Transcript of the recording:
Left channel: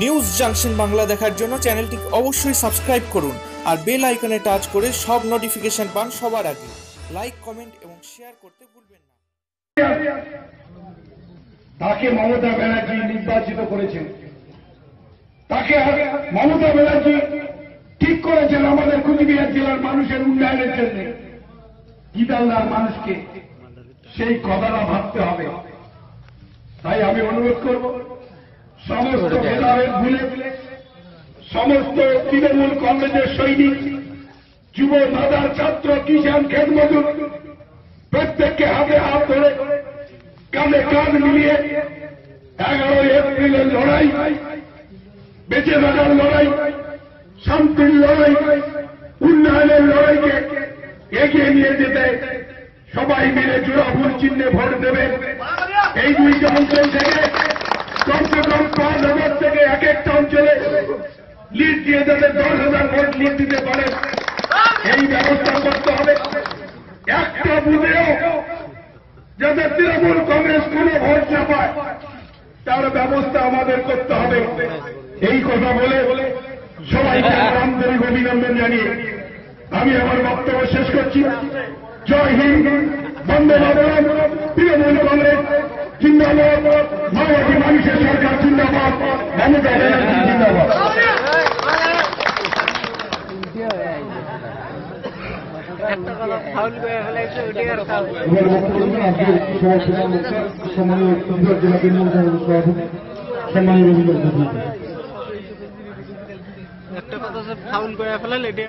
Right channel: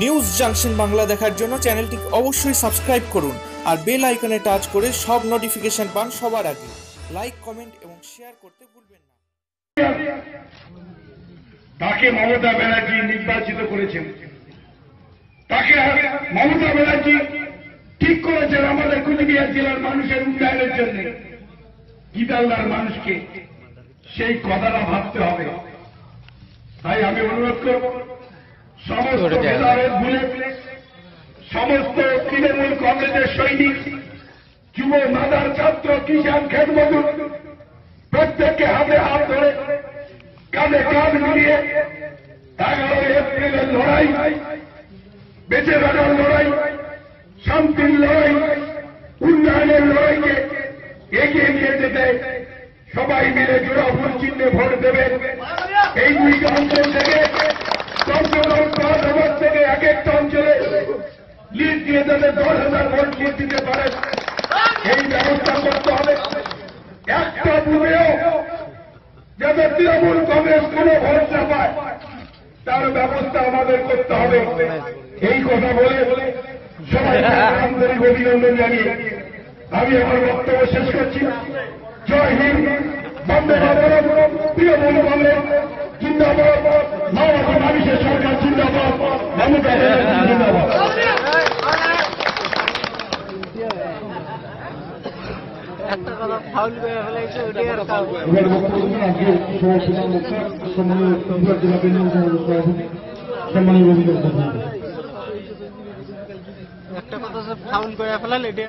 News junction Bangla দেখার জন্য চ্যানেলটি অবশ্যই সাবস্ক্রাইব করুন আর বেল আইকনে টাচ করে সব নোটিফিকেশন পান সবার আগে। লাইক, কমেন্ট এবং শেয়ার করতে ভুলবেন না। তাকে মমতা ব্যানার্জি নির্বাচিত করেছেন। তাকে মমতা ব্যানার্জি ঠিক করেছেন আমাদের কুচবিহার জেলার মানুষের উন্নয়নের জন্য। গীতালদার মানুষকে সেই কথাটা ভাবতে হবে। তাই আমি অনুরোধ করব সমস্ত ভেদাভেদ ভুলে সমস্ত তৃণমূল কংগ্রেসের সৈনিক, যুব মাদার ছাত্র, কিষাণ খেত মজুর প্রত্যেককে হাতে হাত ধরে কাঁধে কাঁধ মিলিয়ে এগারোই এপ্রিলের লড়াই, বেঁচে থাকার লড়াই, শান্তির লড়াই, উন্নয়নের লড়াইকে এগিয়ে নিয়ে যেতে সবাই মিলে জোড়া ভুল চিহ্নে ভোট দেবেন এই দুইটা অঞ্চল থেকে দশ হাজার ভোট লিড দিতে পারেন এই ব্যবস্থা করতে হবে একটা বুধেও যাতে তৃণমূল কংগ্রেস কোন ভোট না পায় তার ব্যবস্থা আমাদের করতে হবে এই কথা বলে সবাইকে আন্তরিক অভিনন্দন জানিয়ে আমি আমার বক্তব্য শেষ করছি জয় হিন্দ বন্দে মাতরম তৃণমূল কংগ্রেস জিন্দাবাদ মাওবাদী মানুষের সরকার জিন্দাবাদ মমতা ব্যানার্জি জিন্দাবাদ একটা কথা ফাউল করে ফেলাইছে ওটি আর খাও একটা কথা ফাউল করে ফেলাল এটি